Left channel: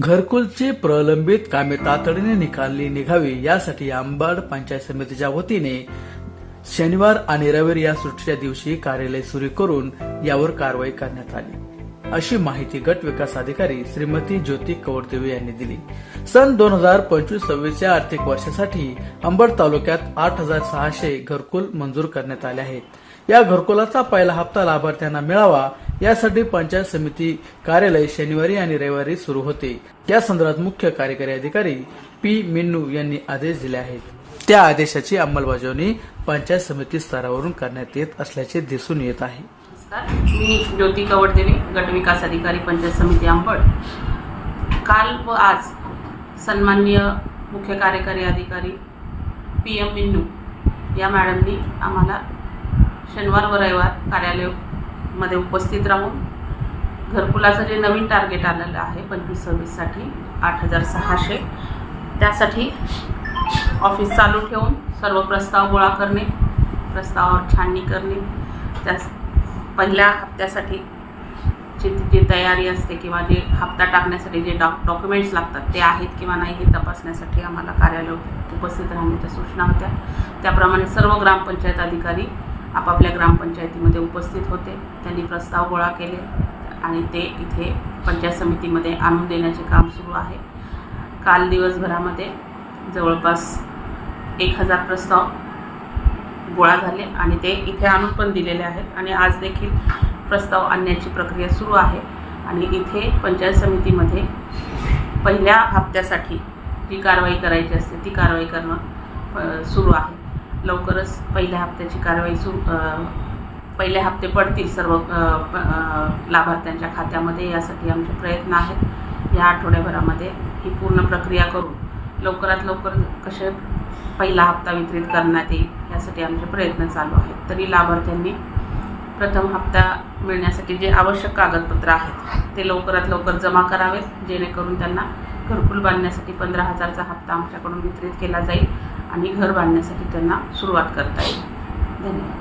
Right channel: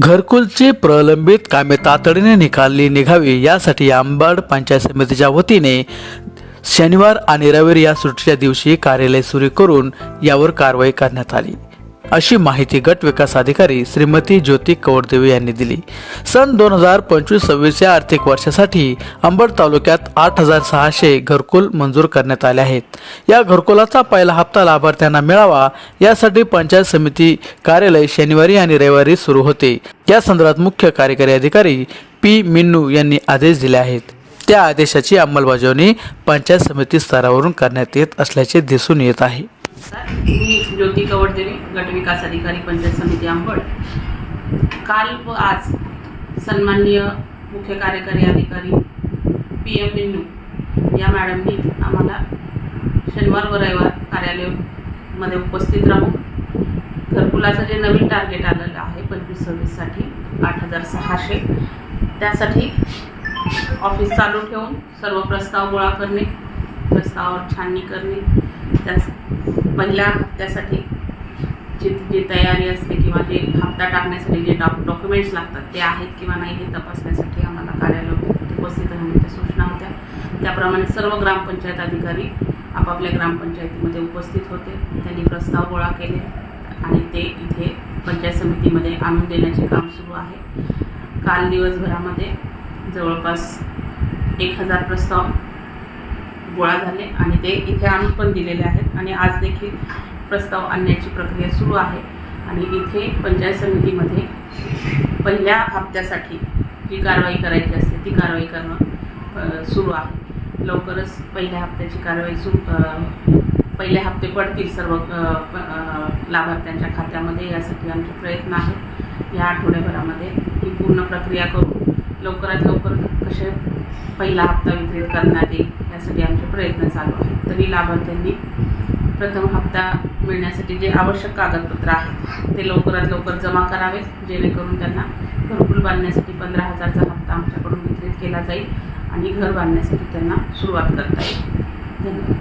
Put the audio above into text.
घरकुलची प्रलंबित कामे तातडीने निकाली निघावी यासाठी आंबाड पंचायत समितीच्या वतीने शनिवार आणि रविवारी या सुट्टीच्या दिवशी कार्यालय सुरू करून यावर कारवाई करण्यात आली. अशी माहिती गट विकास अधिकारी श्रीमती ज्योती कवडदेवी यांनी दिली. सन दोन हजार पंचवीस सव्वीस या आर्थिक वर्षासाठी अंबड तालुक्यात आठ हजार सहाशे घरकुल मंजूर करण्यात आले आहेत. या घरकुलाचा पहिला हप्ता लाभार्थ्यांना मिळावा यासाठी पंचायत समिती कार्यालय शनिवारी आणि रविवारी सुरू होते. या संदर्भात मुख्य कार्यकारी अधिकारी पी मिन्नू यांनी आदेश दिले आहेत. त्या आदेशाची अंमलबजावणी पंचायत समिती स्तरावरून करण्यात येत असल्याचे दिसून येत आहे. मी ज्योती कवडदेवी गट विकास अधिकारी पंचायत समिती आंबड. काल व आज सन्माननीय मुख्य कार्यकारी अधिकारी पी एम मिन्नू या मॅडमनी आम्हाला शनिवार व रविवार कार्यालयामध्ये उपस्थित राहून घरकुलाचं जे नवीन टार्गेट आलेलं आहे पंचवीस सव्वीससाठी आठ हजार सहाशे त्यासाठी ऑफिस चालू ठेवून सर्व प्रस्ताव गोळा करणे प्रस्तावावर छाननी करणे त्यास पहिल्या हप्त्यासाठी जी जी तयारी असते किंवा जे हप्ता टाकण्यासाठी जे डॉक डॉक्युमेंट्स लागतात ते आहेत किंवा नाही हे तपासण्यासाठी आम्हाला कार्यालयात उपस्थित राहण्याच्या सूचना होत्या. त्याप्रमाणे सर्व ग्रामपंचायत अधिकारी आपापल्या ग्रामपंचायतीमध्ये उपस्थित होते. त्यांनी प्रस्ताव गोळा केले आणि ते इथे पंचायत समितीमध्ये आणून देण्याचे काम सुरू आहे. काल दिवसभरामध्ये जवळपास एक हजार प्रस्ताव गोळा झाले आणि ते इथे आणून पण दिलेले आहेत. आणि आज देखील प्रस्ताव आणण्याची प्रक्रिया सुरू आहे. आणि इथे पंचायत समितीमध्ये पहिल्या हप्त्यासाठी जी कारवाई करायची असते ती कारवाई करणं सुरू आहे. लवकरच पहिल्या हप्त्याची कारवाई सुरू पहिले हप्ते पडतील सर्व प- लाभार्थ्यांच्या खात्यामध्ये. यासाठी आमचे प्रयत्न आहेत. या आठवड्याभरामध्ये ही पूर्ण प्रक्रिया करून लवकरात लवकर कसे पहिला हप्ता वितरित करण्यात येईल करण्यासाठी आमचे प्रयत्न चालू आहेत. तरी लाभार्थ्यांनी प्रथम हप्ता मिळण्यासाठी जे आवश्यक कागदपत्र आहेत ते लवकरात लवकर जमा करावेत जेणेकरून त्यांना घरकुल बांधण्यासाठी पंधरा हजारचा हप्ता आमच्याकडून वितरित केला जाईल आणि घर बांधण्यासाठी त्यांना सुरुवात करता येईल. धन्यवाद.